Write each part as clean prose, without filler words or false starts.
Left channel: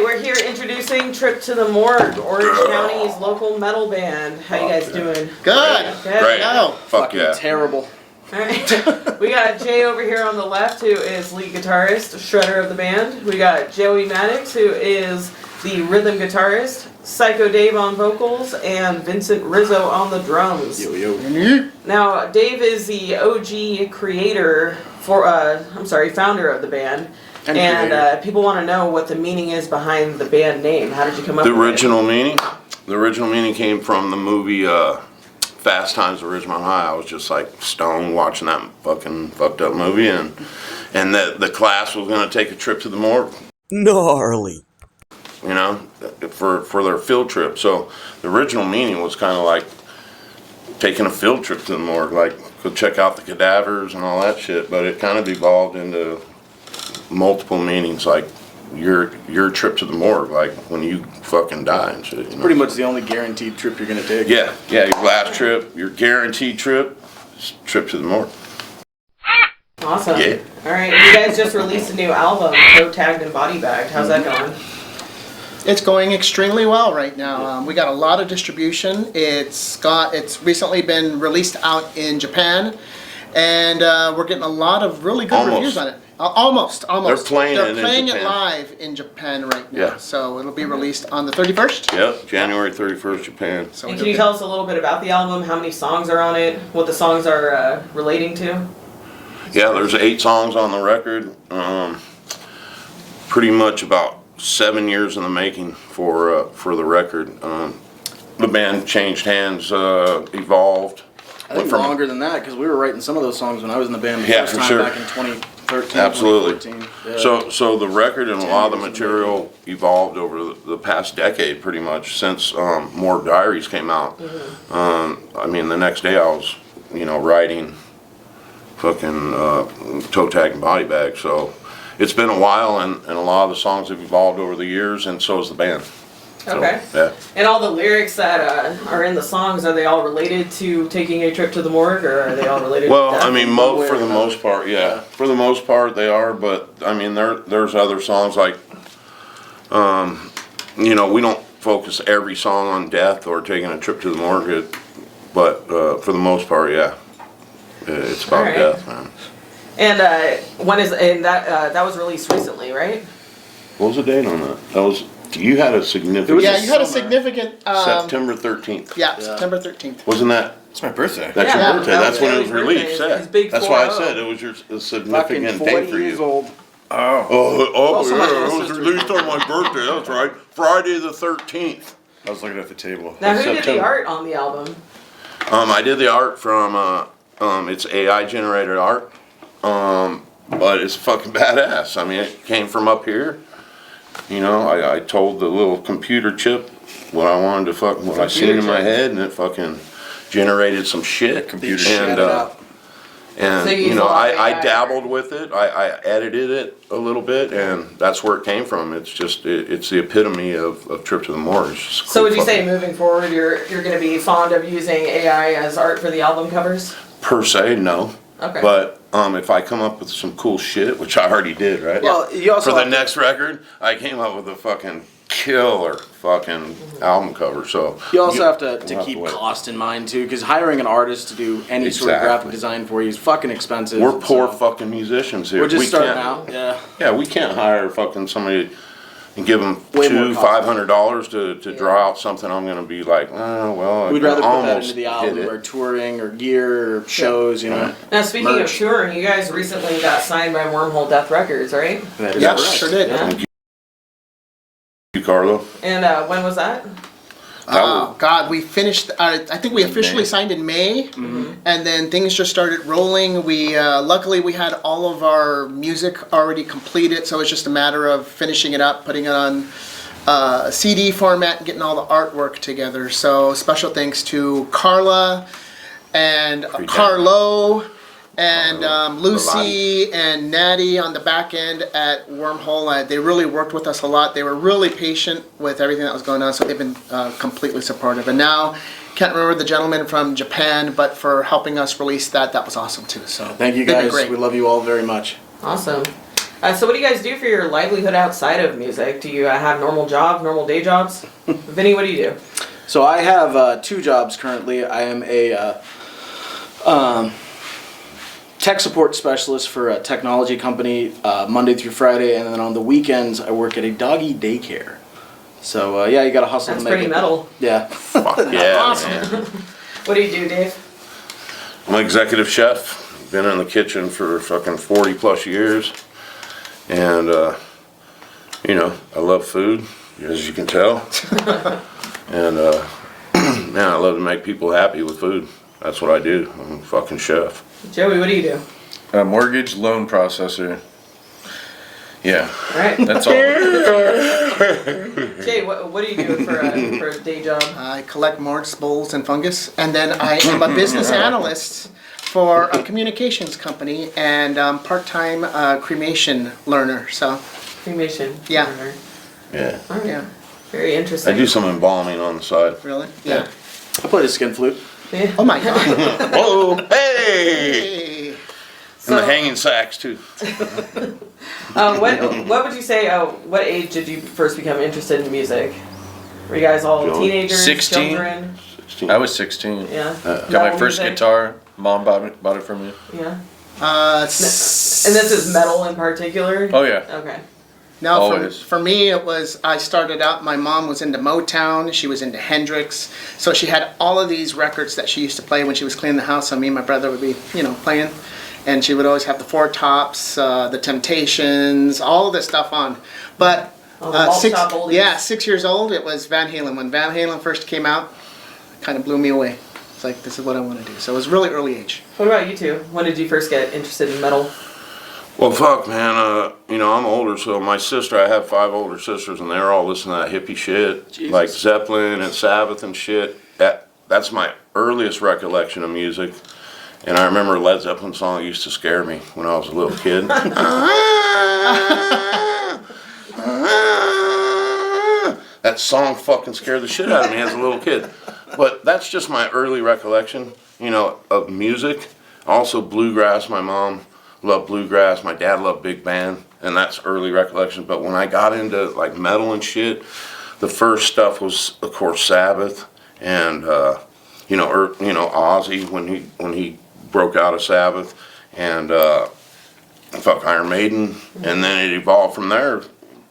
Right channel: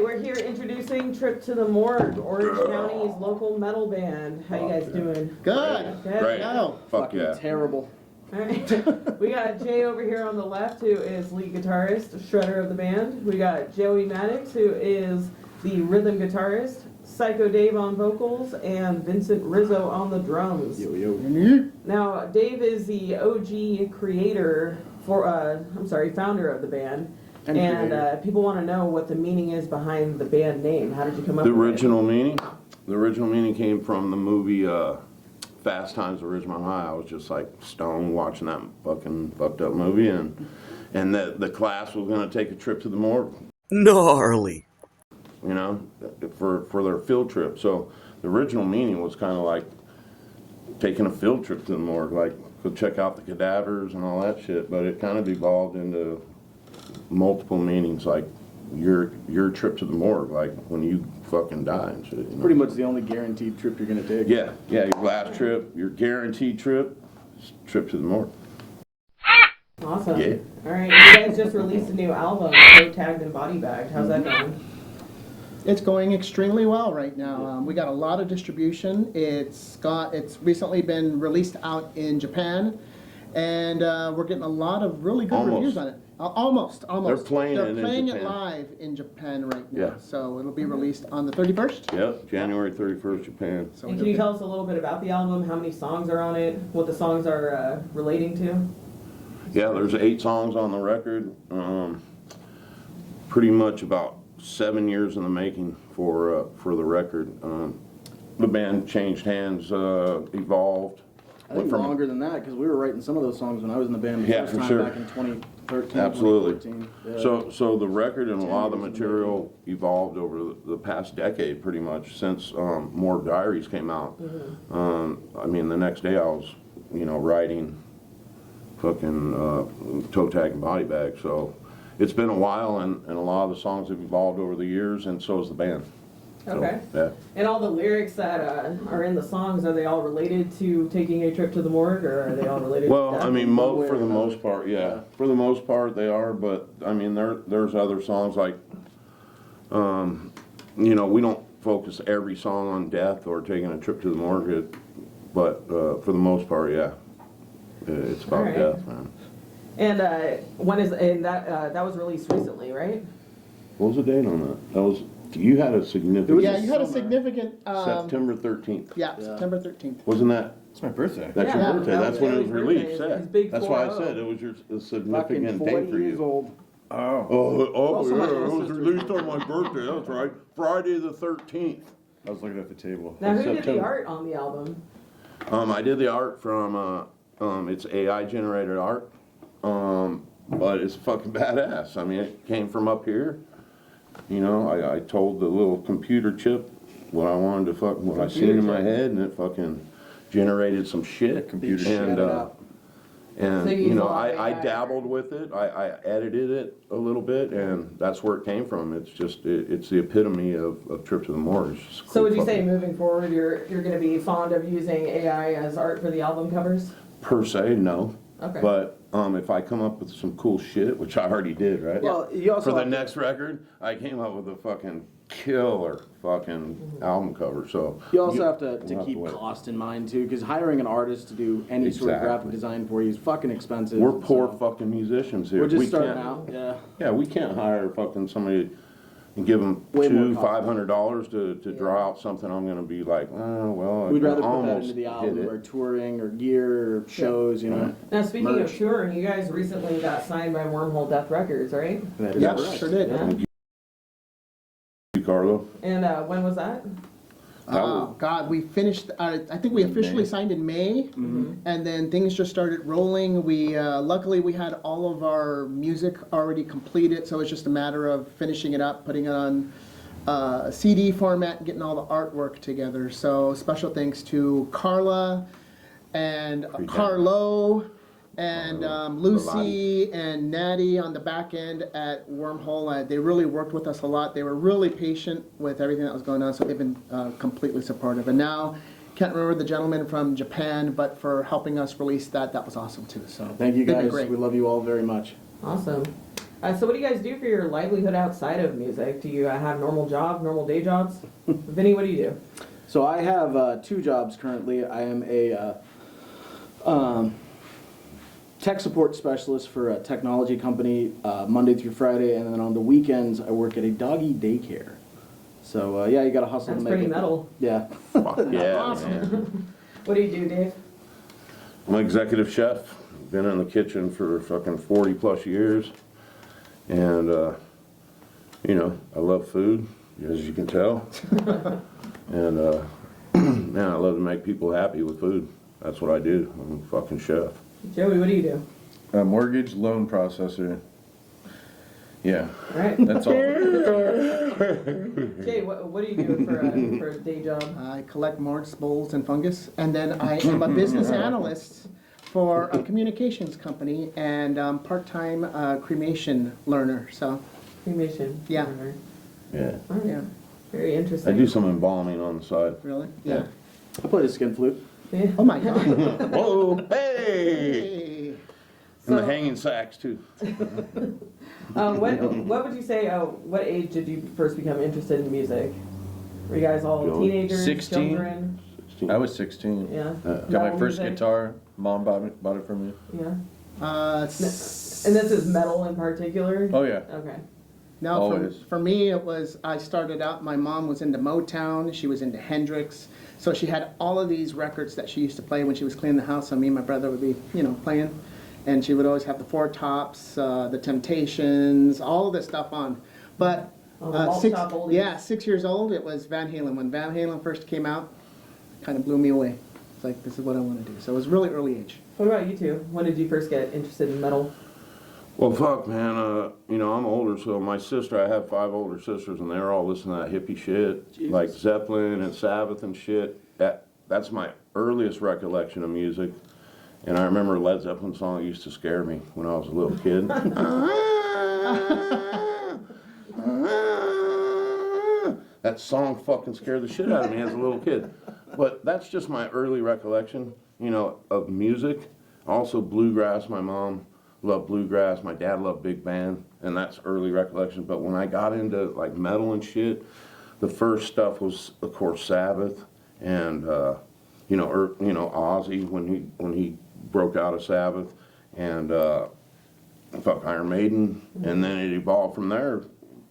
right, we're here introducing Trip to the Morgue, Orange County's local metal band. How you guys doing? Good. Great. No. Fuck yeah. Terrible. Alright. We got Jay over here on the left, who is lead guitarist, shredder of the band. We got Joey Maddox, who is the rhythm guitarist, Psycho Dave on vocals, and Vincent Rizzo on the drums. Yo, yo. Now, Dave is the OG creator founder of the band. And people want to know what the meaning is behind the band name. How did you come up with it? The original meaning came from the movie Fast Times at Ridgemont High. I was just like stoned watching that fucking fucked up movie, and the class was going to take a trip to the morgue. Gnarly. You know, for their field trip. So the original meaning was kind of like taking a field trip to the morgue, like go check out the cadavers and all that shit. But it kind of evolved into multiple meanings, like your trip to the morgue, like when you fucking die and shit. You know? Pretty much the only guaranteed trip you're gonna take. Yeah, your last trip, your guaranteed trip to the morgue. Awesome. Yeah. Alright, you guys just released a new album, Toe Tagged and Body Bagged. How's that going? It's going extremely well right now. We got a lot of distribution. It's recently been released out in Japan, and we're getting a lot of really good reviews on it. Almost. They're playing it live in Japan right now. Yeah. So it'll be released on the 31st. Yep, January 31st, Japan. So And can you tell us a little bit about the album? How many songs are on it? What the songs are relating to? Yeah, there's 8 songs on the record. Pretty much about 7 years in the making for the record. The band changed hands, evolved. I think longer than that, because we were writing some of those songs when I was in the band the first for time sure. back in 2013, Absolutely. 2014. Yeah. So the record and a lot of the material evolved over the past decade, pretty much since Morgue Diaries came out. Mm-hmm. I mean, the next day I was, writing fucking Toe Tag and Body Bag. So it's been a while, and a lot of the songs have evolved over the years, and so has the band. Okay. So, yeah. And all the lyrics that are in the songs, are they all related to taking a trip to the morgue, or are they all related Well, to death? I mean, for the most part, yeah. For the most part, they are. But I mean, there's other songs like, we don't focus every song on death or taking a trip to the morgue. But for the most part, yeah, it's about Alright. death, man. And that was released recently, right? What was the date on that? You had a significant. Yeah, you had a significant. September 13th. Yeah, September 13th. Wasn't that? It's my birthday. That's Yeah, your birthday. that That's was when it was Joey's released. birthday. Yeah. His big That's why I 4-0. said it was a significant Fucking day 40 for you. years old. Oh. Also my Yeah, it was ancestors. released on my birthday. That's right, Friday the 13th. I was looking at the table. Now, who did the September. art on the album? I did the art from it's AI generated art, but it's fucking badass. I mean, it came from up here. I told the little computer chip what I wanted to what I seen in my head, and it fucking generated some shit. Computer and shit out. and So you use a lot of I AI. dabbled with it. I edited it a little bit, and that's where it came from. It's just it's the epitome of Trip to the Morgue. It's just So cool would you say fucking- moving forward, you're going to be fond of using AI as art for the album covers? Per se, no. Okay. But if I come up with some cool shit, which I already did, right? Well, you also For the have to- next record, I came up with a fucking killer fucking album cover. So You also have we'll to keep wait. cost in mind too, because hiring an artist to do any sort of Exactly. graphic design for you is fucking expensive. We're poor so fucking musicians here. We're just we starting can't, out. Yeah. Yeah, we can't hire fucking somebody and give them Way more $500 to draw out something. I'm gonna be like, oh well. We'd I rather put that almost into the did album it. or touring or gear or shows, Now, speaking of Merch. touring, you guys recently got signed by Wormhole Death Records, right? That is Yeah, correct. sure did. Yeah. Thank you, Carlo. And when was that? Oh God, we finished. I think we officially signed in May, and then things just started rolling. We luckily we had all of our music already completed, so it's just a matter of finishing it up, putting it on CD format, and getting all the artwork together. So special thanks to Carla and Carlo. And Lucy and Natty on the back end at Wormhole, they really worked with us a lot. They were really patient with everything that was going on, so they've been completely supportive. And now, can't remember the gentleman from Japan, but for helping us release that was awesome too. So Thank you they've been guys. great. We love you all very much. Awesome. So what do you guys do for your livelihood outside of music? Do you have normal day jobs? Vinny, what do you do? So I have 2 jobs currently. I am a tech support specialist for a technology company Monday through Friday, and then on the weekends I work at a doggy daycare. So yeah, you gotta hustle That's to make pretty it. metal. Yeah. Fuck yeah, Awesome. man. What do you do, Dave? I'm an executive chef. Been in the kitchen for fucking 40 plus years. And, you know, I love food, as you can tell. And, man, I love to make people happy with food. That's what I do. I'm a fucking chef. Joey, what do you do? A mortgage loan processor. Yeah, All right. that's all. Jay, what do you do for a day job? I collect morgues, bowls, and fungus, and then I am a business analyst for a communications company and part-time cremation learner. So, Cremation. Yeah. Yeah. All right. yeah, Very I interesting. do some embalming on the side. really, yeah. I play the skin flute. Yeah. Oh my God. Whoa, hey! Hey. And the So- hanging sacks, too. What would you say? What age did you first become interested in music? Were you guys all Joey. teenagers, 16. children? 16. I was 16. Yeah. Got my Metal first music? guitar. Mom bought it for me. Yeah. And And this is metal in particular. Oh yeah. Okay. No, Always. for me, it was, I started out, my mom was into Motown, she was into Hendrix, so she had all of these records that she used to play when she was cleaning the house, so me and my brother would be, playing, and she would always have the Four Tops, the Temptations, all of this stuff on. But, All the malt shop oldies. 6 years old, it was Van Halen. When Van Halen first came out, it kind of blew me away. It's like, this is what I want to do. So it was really early age. What about you two? When did you first get interested in metal? Well, fuck, man. I'm older, so my sister, I have 5 older sisters, and they're all listening to that hippie shit, Jesus. like Zeppelin and Sabbath and shit. That's my earliest recollection of music. And I remember a Led Zeppelin song that used to scare me when I was a little kid. That song fucking scared the shit out of me as a little kid. But that's just my early recollection, of music. Also bluegrass. My mom loved bluegrass. My dad loved big band, and that's early recollection. But when I got into like metal and shit, the first stuff was, of course, Sabbath, and Ozzy when he broke out of Sabbath, and Iron Maiden, and then it evolved from there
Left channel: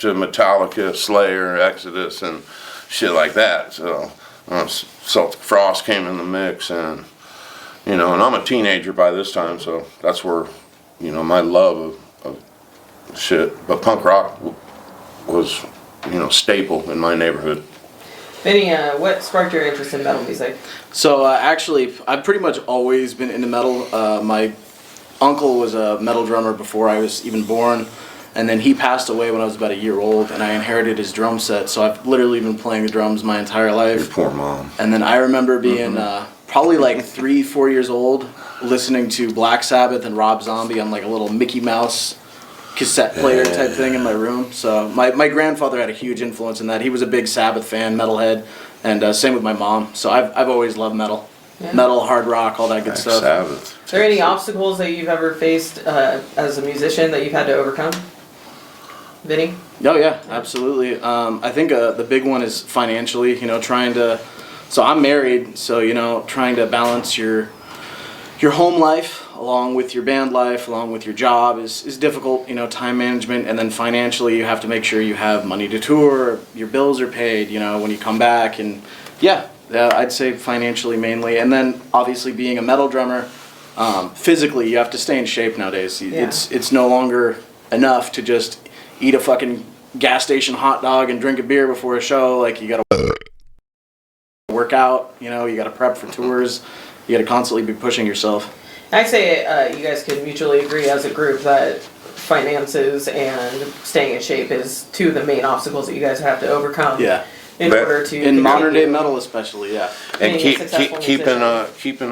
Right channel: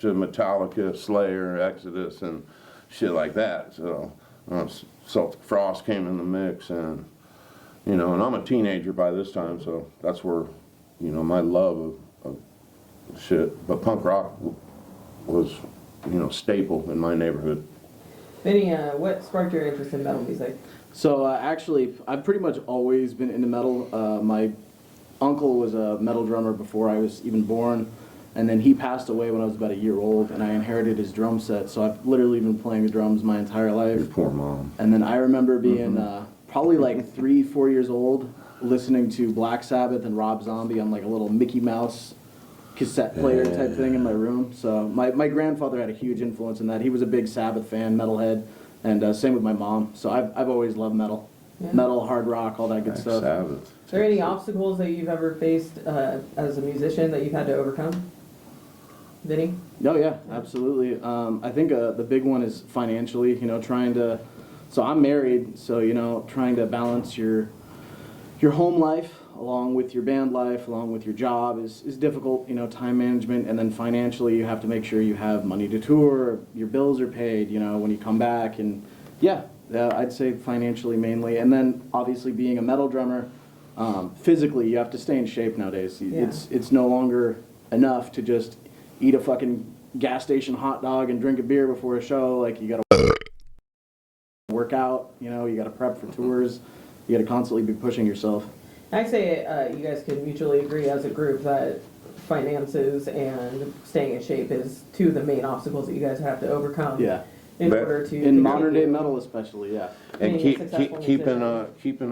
to Metallica, Slayer, Exodus, and shit like that. So Celtic Frost came in the mix, and and I'm a teenager by this time, so that's where my love of shit. But punk rock was staple in my neighborhood. Vinny, what sparked your interest in metal music? So actually, I've pretty much always been into metal. My uncle was a metal drummer before I was even born, and then he passed away when I was about a year old, and I inherited his drum set. So I've literally been playing the drums my entire Your life. poor mom. And then I remember being probably like 3-4 years old, listening to Black Sabbath and Rob Zombie on like a little Mickey Mouse cassette player type thing in my room. So my grandfather had a huge influence in that. He was a big Sabbath fan, metalhead, and same with my mom. So I've always loved metal. Yeah. Metal, hard rock, all that good Black stuff. Sabbath. Are there any obstacles that you've ever faced as a musician that you've had to overcome? Vinny? Oh yeah, absolutely. I think the big one is financially, trying to, so I'm married, so, trying to balance your home life along with your band life, along with your job is difficult, time management, and then financially you have to make sure you have money to tour, your bills are paid, when you come back, and yeah, I'd say financially mainly, and then obviously being a metal drummer, physically you have to stay in shape nowadays. Yeah. It's no longer enough to just eat a fucking gas station hot dog and drink a beer before a show. Like, you gotta work out, you gotta prep for tours, you gotta constantly be pushing yourself. I'd say you guys could mutually agree as a group that finances and staying in shape is two of the main obstacles that you guys have to overcome. Yeah. In But order to In modern day continue. metal especially, yeah. And Being a successful keeping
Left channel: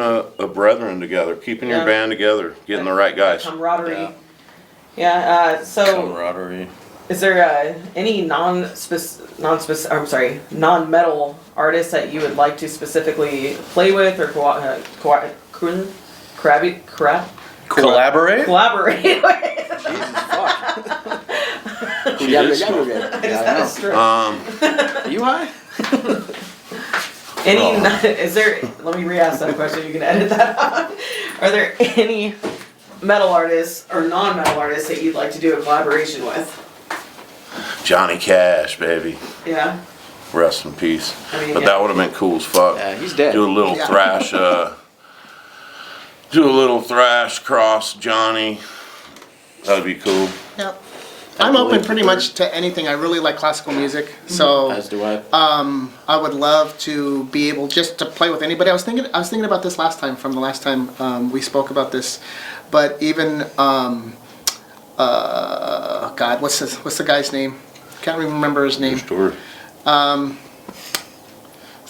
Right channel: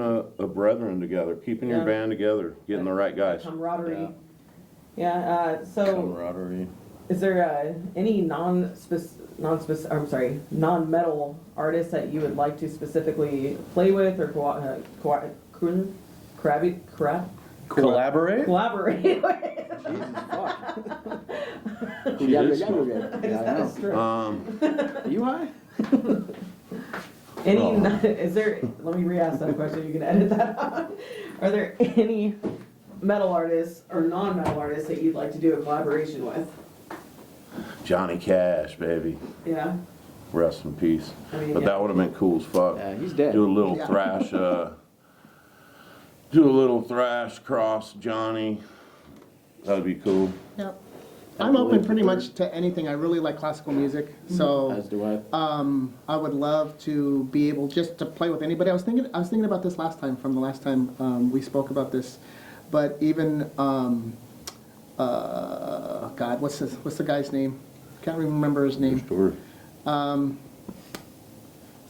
a brethren together, keeping your Yeah. band together, getting the right guys. Camaraderie. Yeah. Yeah. So, Camaraderie. is there any non-metal artists that you would like to specifically play with or Collaborate? collaborate with? Jesus fuck. Yeah, she Yeah, did yeah, smoke. yeah, I just had a stroke. Are you high? Any? Oh. Is there? Let me re-ask that question. You can edit that out. Are there any metal artists or non-metal artists that you'd like to do a collaboration with? Johnny Cash, baby. Yeah. Rest in peace. I mean, But yeah. that would have been cool as fuck. Yeah, he's dead. Do a little Yeah. thrash, do a little thrash cross Johnny. That'd be cool. Yep. I'm open pretty much to anything. I really like classical music, so As do I. I would love to be able just to play with anybody. I was thinking about this last time, from the last time we spoke about this, but even God, what's the guy's name? Can't even remember his name. Story. It's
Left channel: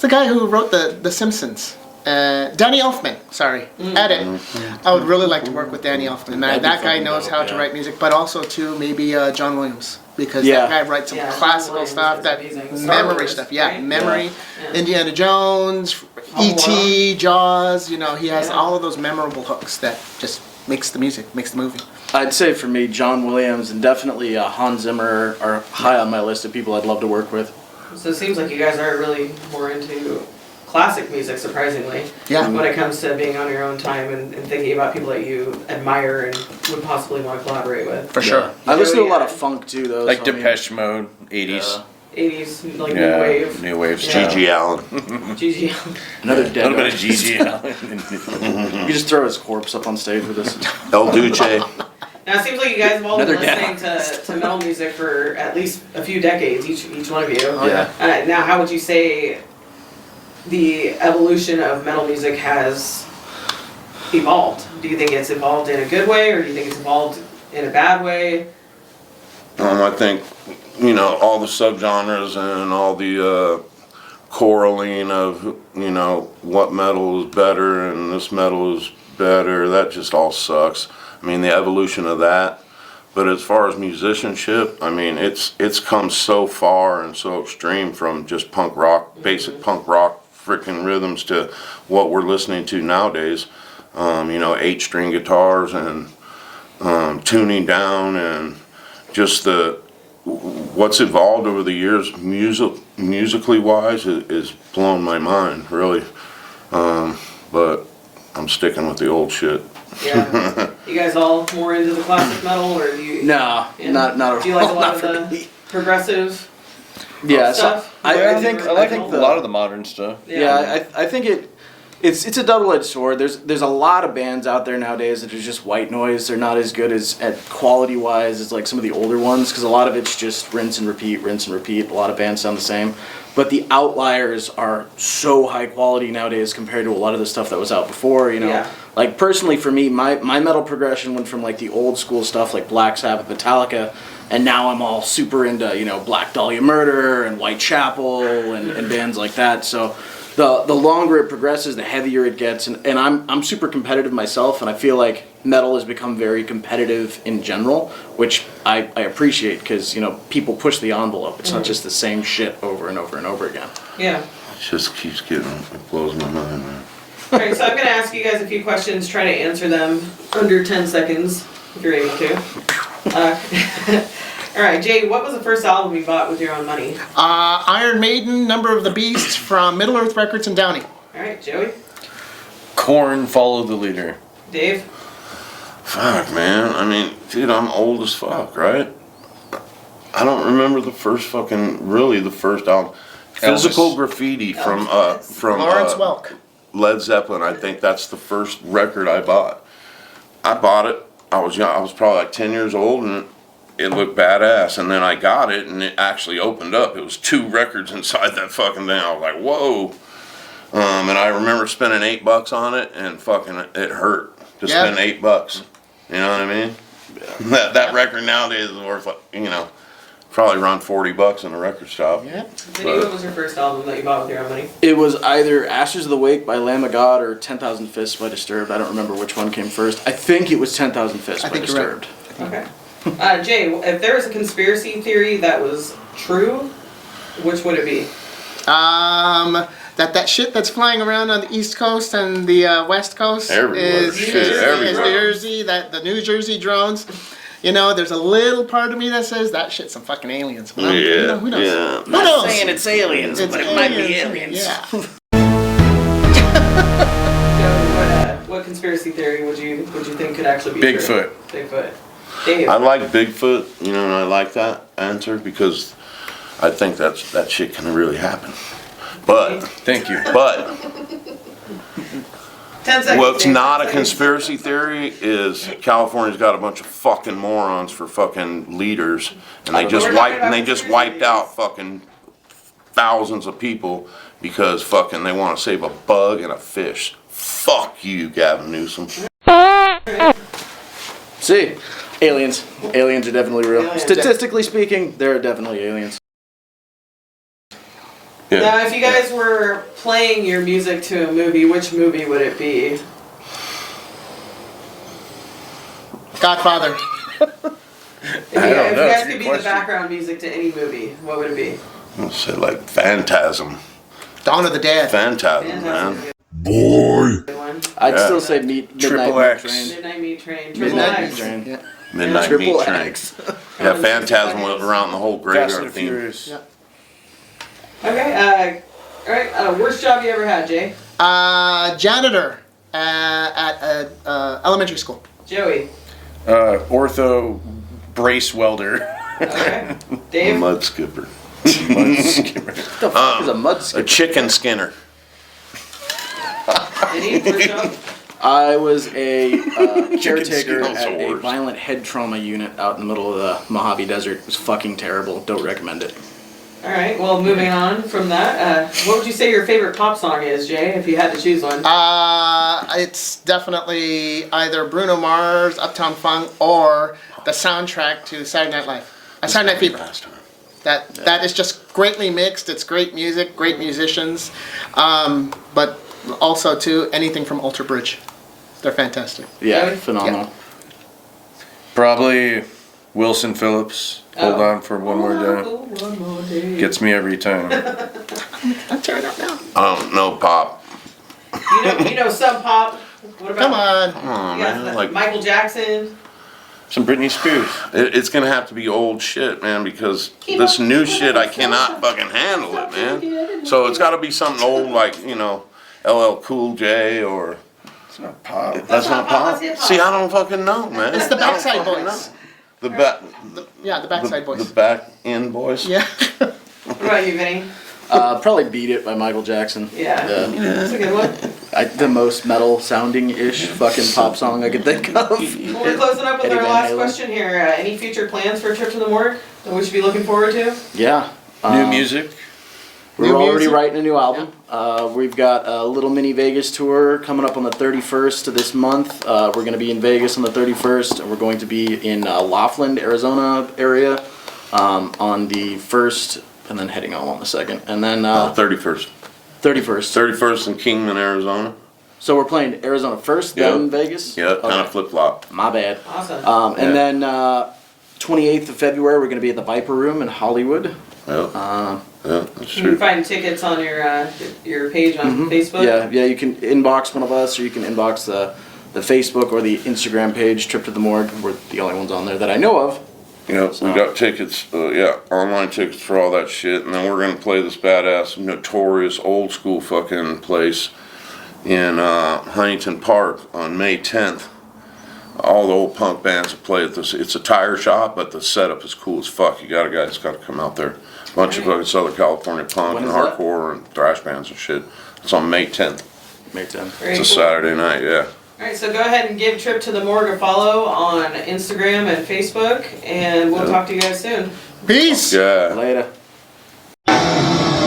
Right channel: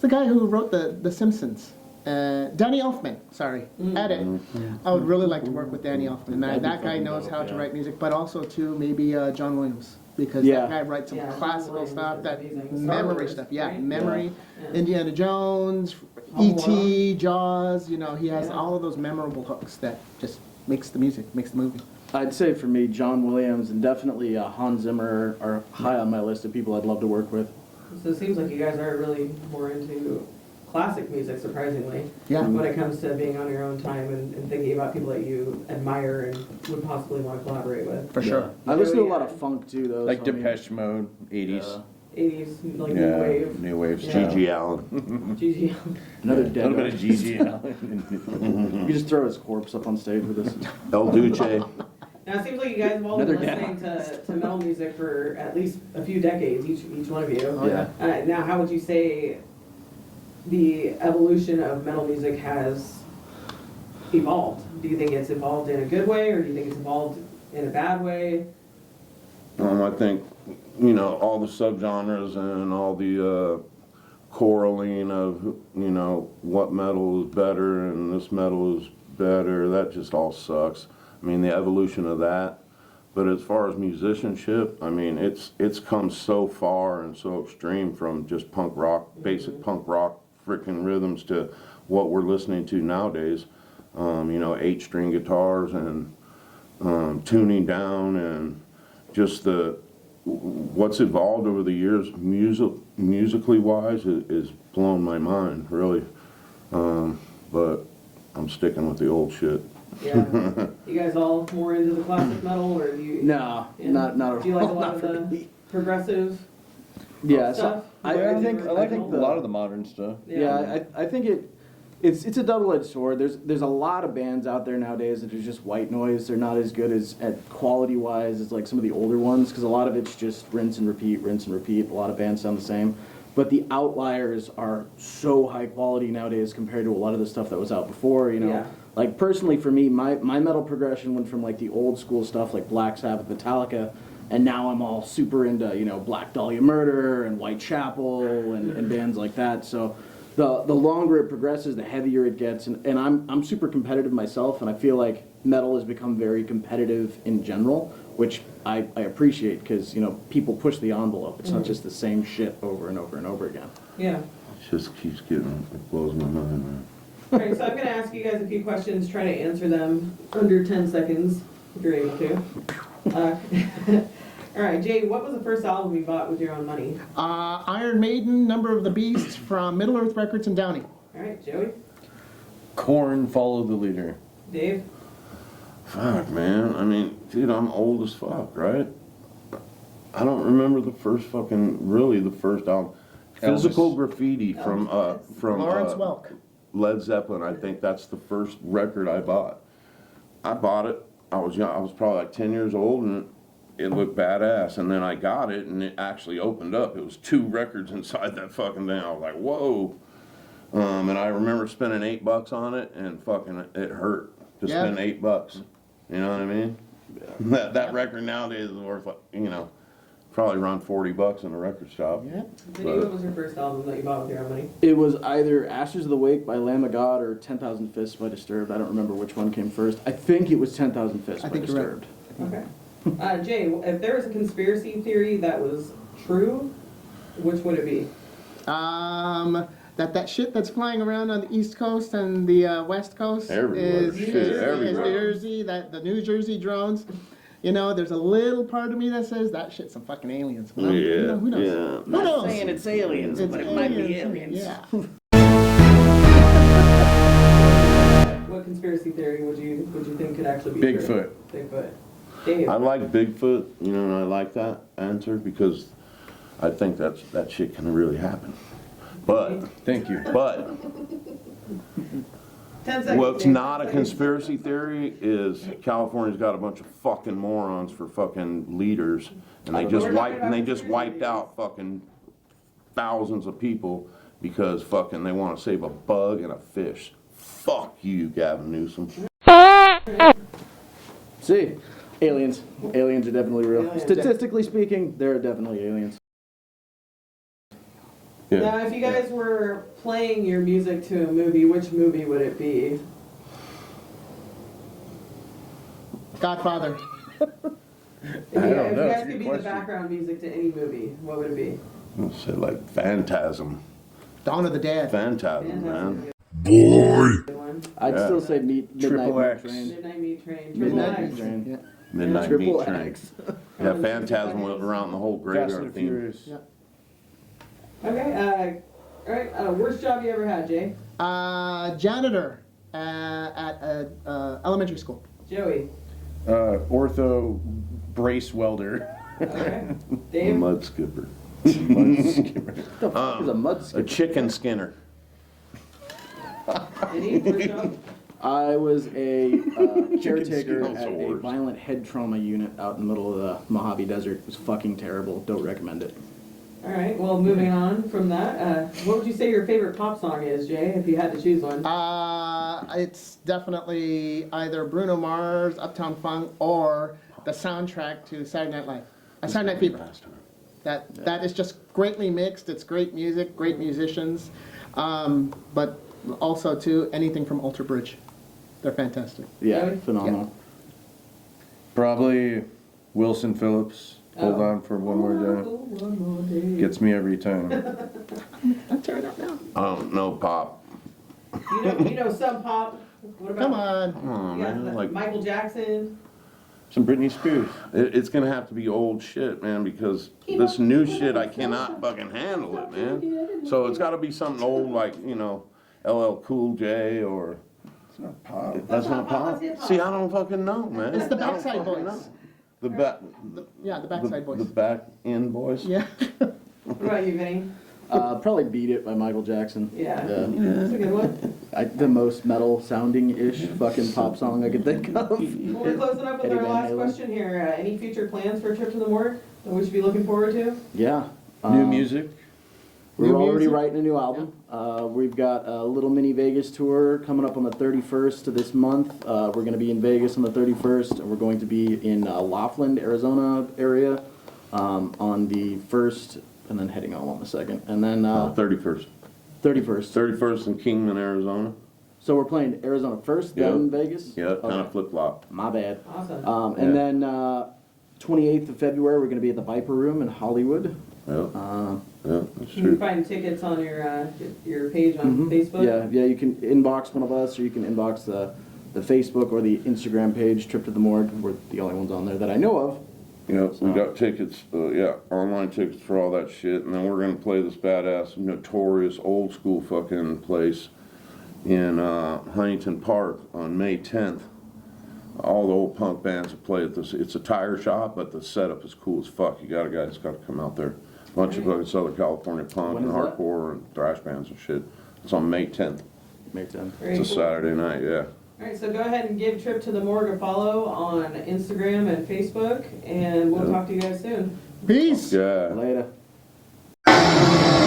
the guy who wrote the Simpsons. Danny Elfman, sorry. Edit. I would really like to work with Danny Elfman. That'd be That guy fucking knows dope, how to yeah. write music, but also too maybe John Williams, because Yeah. that guy writes some Yeah, John classical Williams stuff, is that amazing. Star memory Wars, stuff. Yeah, right? memory. Yeah. Indiana Jones, Home E.T., Jaws. You know, he has Yeah. all of those memorable hooks that just makes the music, makes the movie. I'd say for me, John Williams and definitely Hans Zimmer are high on my list of people I'd love to work with. So it seems like you guys are really more into classic music, surprisingly. Yeah. When it comes to being on your own time and thinking about people that you admire and would possibly want to collaborate with. For sure. I listen to a Yeah. lot of funk too, though. Like so I mean, Depeche Mode, 80s. 80s, like Yeah, new wave. New wave Yeah. stuff. G.G. Allen. GG. Another A dead little bit guy. of G.G. Allen. You just throw his corpse up on stage with us. El Duce. Now it seems like you guys have all been Another listening to metal music for at least a few decades, each one of you. Oh, yeah. Now, how would you say the evolution of metal music has evolved? Do you think it's evolved in a good way, or do you think it's evolved in a bad way? I think, you know, all the subgenres and all the quarreling of, you know, what metal is better and this metal is better, that just all sucks. I mean, the evolution of that. But as far as musicianship, I mean, it's come so far and so extreme from just punk rock, basic punk rock freaking rhythms to what we're listening to nowadays. You know, 8-string guitars and tuning down and just what's evolved over the years musically wise is blown my mind, really. But I'm sticking with the old shit. Yeah. You guys all more into the classic metal, or do you? No, Yeah. not Do you like a lot not of for the me. progressive Yeah, so stuff? I think I like a lot of the modern stuff. Yeah, I think it's a double-edged sword. There's a lot of bands out there nowadays that are just white noise. They're not as good as at quality-wise as like some of the older ones, because a lot of it's just rinse and repeat, rinse and repeat. A lot of bands sound the same. But the outliers are so high quality nowadays compared to a lot of the stuff that was out before, you know. Yeah. Like personally for me, my metal progression went from like the old school stuff like Black Sabbath, Metallica, and now I'm all super into, you know, Black Dahlia Murder and Whitechapel and bands like that. So the longer it progresses, the heavier it gets, and I'm super competitive myself, and I feel like metal has become very competitive in general, which I appreciate, because, you know, people push the envelope. It's not just the same shit over and over and over again. Yeah. It just keeps it blows my mind, man. All right, so I'm going to ask you guys a few questions. Try to answer them under 10 seconds, if you're able to. All right, Jay, what was the first album you bought with your own money? Iron Maiden, Number of the Beast from Middle Earth Records in Downey. All right, Joey, Korn, Follow the Leader. Dave, Fuck, man. I mean, dude, I'm old as fuck, right? I don't remember the first album. Physical Graffiti from Lawrence Welk. Led Zeppelin. I think that's the first record I bought. I bought it. I was young. I was probably like 10 years old, and it looked badass. And then I got it, and it actually opened up. It was 2 records inside that fucking thing. I was like, whoa. And I remember spending $8 on it, and fucking it hurt to spend $8. You know what I mean? Yeah. That record nowadays is worth, like, you know, probably around $40 in a record shop. Yeah. Vinny, what was your first album that you bought with your own money? It was either Ashes of the Wake by Lamb of God or 10,000 Fists by Disturbed. I don't remember which one came first. I think it was 10,000 Fists I by think you're right. Disturbed. Okay. Jay, if there was a conspiracy theory that was true, which would it be? That shit that's flying around on the East Coast and the West Coast Everywhere. is Shit, is everywhere. Jersey. That the New Jersey drones. You know, there's a little part of me that says that shit's some fucking aliens. But Yeah, you know, who knows? yeah. Who knows? saying it's aliens, It's but it might be aliens. Yeah. What conspiracy theory would you think could actually be Bigfoot. true? Bigfoot. Dave. I like Bigfoot, you know, and I like that answer because I think that shit can really happen. But Thank you. 10 seconds. what's Dave, not 10 a seconds. conspiracy theory is California's got a bunch of fucking morons for fucking leaders, and they just We're talking about wiped conspiracy out fucking thousands of people because fucking they want to save a bug and a fish. Fuck you, Gavin Newsom. See, aliens. Aliens are definitely real. Aliens. Statistically speaking, there are definitely aliens. Yeah. Now, if you guys were playing your music to a movie, which movie would it be? Godfather. If you I don't know, it's guys a good could be the question. background music to any movie, what would it be? I'll say like Phantasm. Dawn of the Dead. Phantasm, man. Good one. I'd Yeah. still say Midnight Triple Meat X. Train. Midnight Meat Train. Triple Midnight X. Meat Train. Yeah. Midnight Triple Meat Train. X. Yeah, Phantasm went around the whole Fast and graveyard the theme. Furious. Yeah. Okay, alright, worst job you ever had, Jay? Janitor at elementary school. Joey. Ortho brace welder. Okay. Dave? Mud skipper. What the fuck is a mud A skipper? chicken skinner. Any worst job? I was a caretaker skills at a awards. violent head trauma unit out in the middle of the Mojave Desert. It was fucking terrible. Don't recommend it. Alright, well, moving on from that, what would you say your favorite pop song is, Jay, if you had to choose one? It's definitely either Bruno Mars, Uptown Funk, or the soundtrack to Saturday Night Live. Saturday Night Fever. That is just greatly mixed. It's great music, great musicians, but also too anything from Alter Bridge. They're fantastic. Yeah, Really? phenomenal. Probably Wilson Phillips. Hold Oh. on for one more day. One more day. Gets me every time. I'm tearing up now. I don't know, Pop. You know some pop. What about Come on. Come on, you got man. the- Like, Michael Jackson? Some Britney Spears. it's gonna have to be old shit, man, because this new shit, I cannot fucking handle it, man. So it's gotta be something old like, you know, LL Cool J or... It's not pop. That's not pop? That's hip-hop. See, I don't fucking know, man. It's the I don't Backside fucking Boys. know. The back... Yeah, the Backside The Boys. back end boys? Yeah. What about you, Vinny? Probably Beat It by Michael Jackson. Yeah. That's a good one. The most metal sounding ish fucking pop song I could think of. Well, we're closing up with Eddie our Van last Halen. question here. Any future plans for a trip to the morgue that we should be looking forward to? Yeah. New music. We're New already music? writing a new album. We've got a little mini Vegas tour coming up on the 31st of this month. We're going to be in Vegas on the 31st, and we're going to be in Laughlin, Arizona area on the 1st, and then heading home on the 2nd. And then 31st. 31st. 31st in Kingman, Arizona. So we're playing Arizona first, then Yep. Vegas? Yeah, kind Okay. of flip-flop. My bad. Awesome. And Yeah. then 28th of February, we're going to be at the Viper Room in Hollywood. Yeah, yeah, that's You can true. find tickets on your page on Facebook. Yeah, you can inbox one of us, or you can inbox the Facebook or the Instagram page, Trip to the Morgue. We're the only ones on there that I know of. Yeah, we got tickets, online tickets for all that shit, and then we're gonna play this badass, notorious, old school fucking place in Huntington Park on May 10th. All the old punk bands will play at this. It's a tire shop, but the setup is cool as fuck. You got a guy that's got to come out there. Bunch of fucking Southern California punk When and is that? hardcore and thrash bands and shit. It's on May 10th. May 10th. Very It's a cool. Saturday night, yeah. Alright, so go ahead and give Trip to the Morgue a follow on Instagram and Facebook, and we'll talk to you guys soon. Peace. Yeah. Later. Yeah.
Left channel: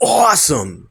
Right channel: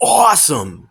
Awesome!